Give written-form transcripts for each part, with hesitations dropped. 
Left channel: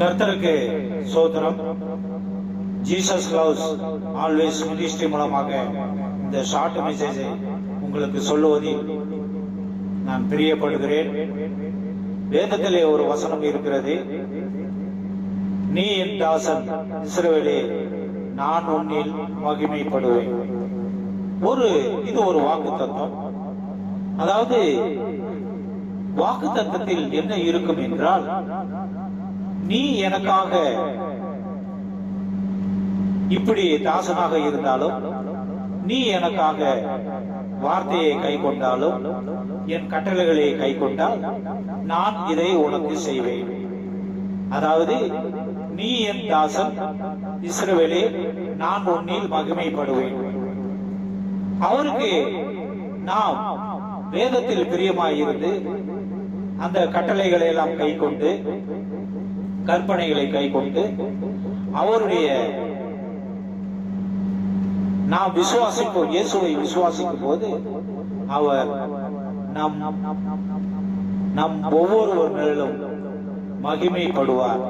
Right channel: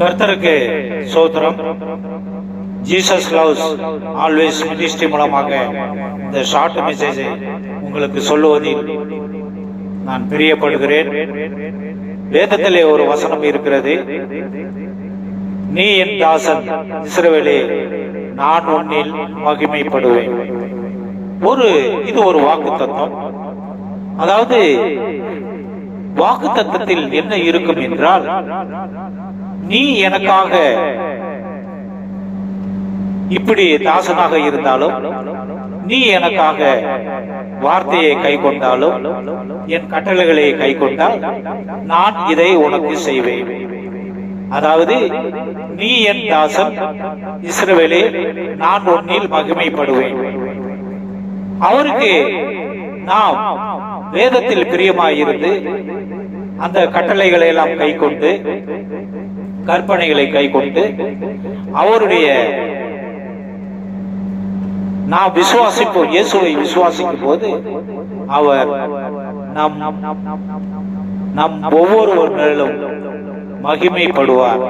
கர்த்தருக்கு சோத்திரம். Jesus loves always ministry மூலமாக இந்த ஷார்ட் மெசேஜை உங்களுக்கு சொல்லுவதில் நான் பிரியப்படுகிறேன். வேதத்திலே ஒரு வசனம் இருக்கிறது, நீ என் தாசன் இஸ்ரவேலே, நான் உன்னில் மகிமைப்படுவேன். இது ஒரு வாக்குத்தத்தம். அதாவது வாக்குத்தத்தத்தில் என்ன இருக்கும் என்றால், நீ எனக்காக இப்படி தாசனாக இருந்தாலும், நீ எனக்காக வார்த்தையை கை கொண்டாலும், என் கட்டளைகளை கை கொண்டால் நான் இதை உனக்கு செய்வேன். அதாவது நீ என் தாசன் இஸ்ரவேலே, நான் உன்னில் மகிமைப்படுவேன். அவருக்கு நாம் வேதத்தில் பிரியமாயிருந்து அந்த கட்டளைகளை எல்லாம் கை கொண்டு, கற்பனைகளை கை கொண்டு, அவருடைய நாம் விசுவாசிப்போம். இயேசுவை விசுவாசிக்கும் போது அவர் நம் ஒவ்வொருவர் மேலும் மகிமைப்படுவார்.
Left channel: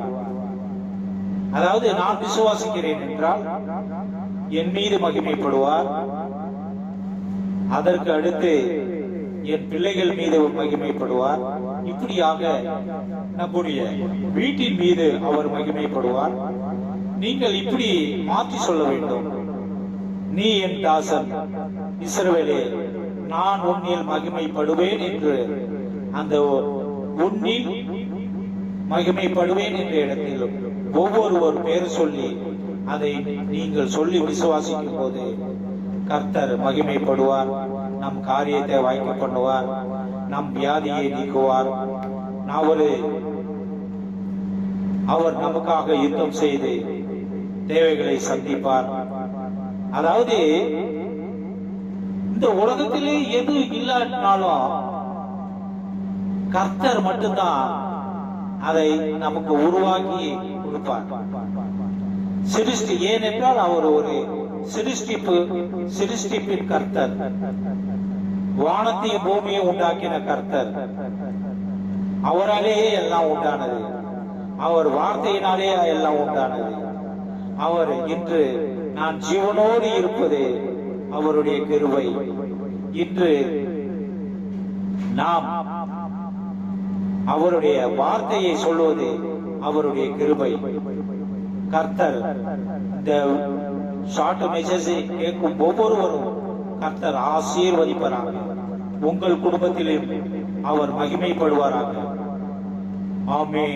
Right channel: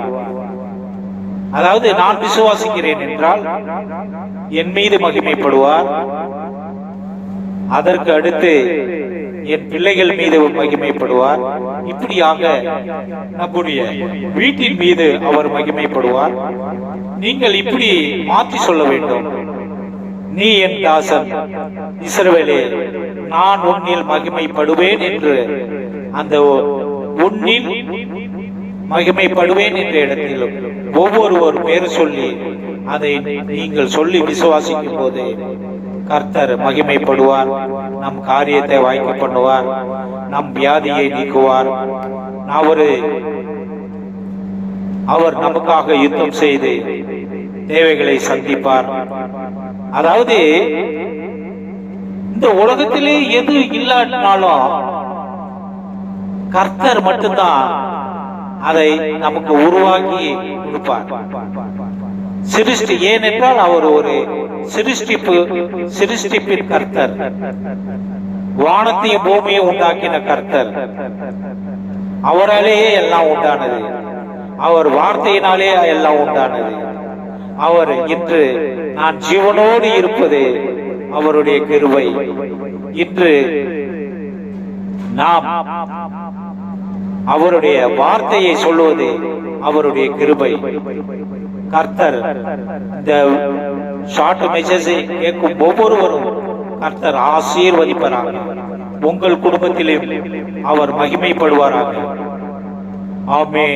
அதாவது நான் விசுவாசிக்கிறேன் என்றால் என் மீது மகிமைப்படுவார். அதற்கு அடுத்து என் பிள்ளைகள் மீது மகிமைப்படுவார். இப்படியாக நம்முடைய வீட்டின் மீது அவர் மகிமைப்படுவார். நீங்கள் இப்படி மாற்றி சொல்ல வேண்டும், நீ என் தாசன் இஸ்ரவேலே, நான் உன்னில் மகிமைப்படுவேன் என்று. அந்த உன்னில் மகிமைப்படுவேன் என்ற இடத்திலும் ஒவ்வொரு பேர் சொல்லி அதை நீங்கள் சொல்லி விசுவாசிக்கும் போது கர்த்தர் மகிமைப்படுவார். நம் காரியத்தை வாய்க்க பண்ணுவார். நம் வியாதியை நீக்குவார். அவர் நமக்காக யுத்தம் செய்து தேவைகளை சந்திப்பார். அதாவது இந்த உலகத்திலே எது இல்லாட்டினாலும் கர்த்தர் மட்டும்தான் அதை நமக்கு உருவாக்கி கொடுப்பார். சிருஷ்டி, ஏனென்றால் அவர் ஒரு சிருஷ்டிப்பின் கர்த்தர். வானத்தையும் பூமியை உண்டாக்கின கர்த்தர். அவராலேயே எல்லாம் உண்டானது. அவர் வார்த்தையினாலே எல்லாம் உண்டானது. அவர் இன்று நான் ஜீவனோடு இருப்பது அவருடைய கிருபை. இன்று நாம் அவருடைய வார்த்தையை சொல்லுவது அவருடைய கிருபை. கர்த்தர் இந்த ஷார்ட் மெசேஜை கேட்கும் ஒவ்வொருவரும் கர்த்தர் ஆசீர்வதிப்பாராக. உங்கள் குடும்பத்திலே அவர் மகிமைப்படுவாராக. ஆமென்.